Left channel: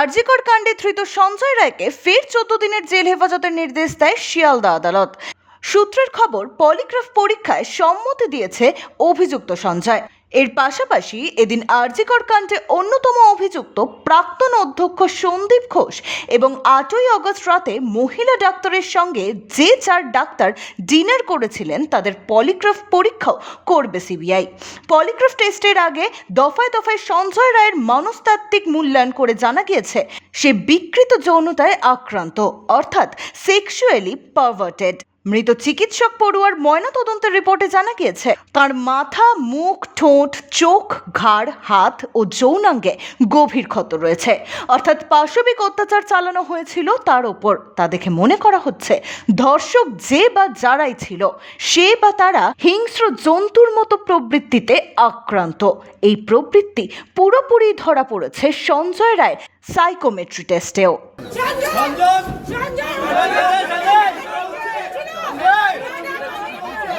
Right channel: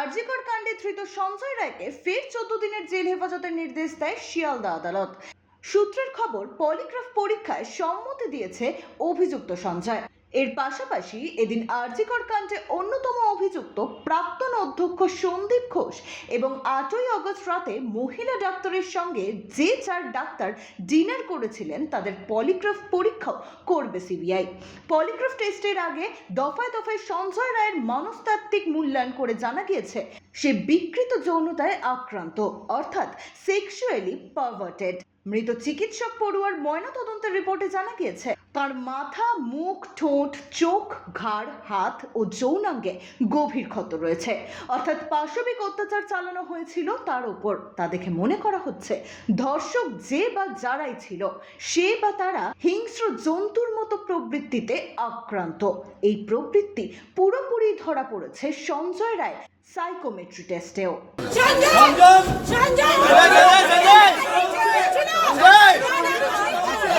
আরজিকর কাণ্ডে ধৃত সঞ্জয় রায়কে ফের চোদ্দ দিনের জেল হেফাজতের নির্দেশ দেয় শিয়ালদা আদালত। সূত্রের খবর, পলিগ্রাফ পরীক্ষায় সম্মতি দিয়েছে অভিযুক্ত সঞ্জয়। এর পাশাপাশি এদিন আরজিকর কাণ্ডে অন্যতম অভিযুক্ত প্রাক্তন অধ্যক্ষ সন্দীপ ঘোষ এবং আটই অগস্ট রাতে মহিলা ডাক্তারের সঙ্গে যে চার ডাক্তার ডিনার করেছিলেন তাদের পলিগ্রাফ পরীক্ষাও করবে সিবিআই। পলিগ্রাফ টেস্টের আগে দফায় দফায় সঞ্জয় রায়ের মনস্তাত্ত্বিক মূল্যায়ন করে জানা গিয়েছে, সে বিকৃত যৌনতায় আক্রান্ত, অর্থাৎ সেক্সুয়ালি পারভার্টেড মৃত চিকিৎসক পড়ুয়ার ময়নাতদন্তের রিপোর্টে জানা গিয়েছে, তার মাথা, মুখ, ঠোঁট, চোখ, ঘাড়, হাত ও যৌনাঙ্গে গভীর ক্ষত রয়েছে। অর্থাৎ পাশবিক অত্যাচার চালানো হয়েছিল তার ওপর। তা দেখে মনে করা হচ্ছে, ধর্ষক যে বা যারাই ছিল, সে বা তারা হিংস্র জন্তুর মতো প্রবৃত্তিতে আক্রান্ত। এই প্রবৃত্তি পুরোপুরি ধরা পড়েছে Sanjay Roy psychometry টেস্টেও Sanjay Sanjay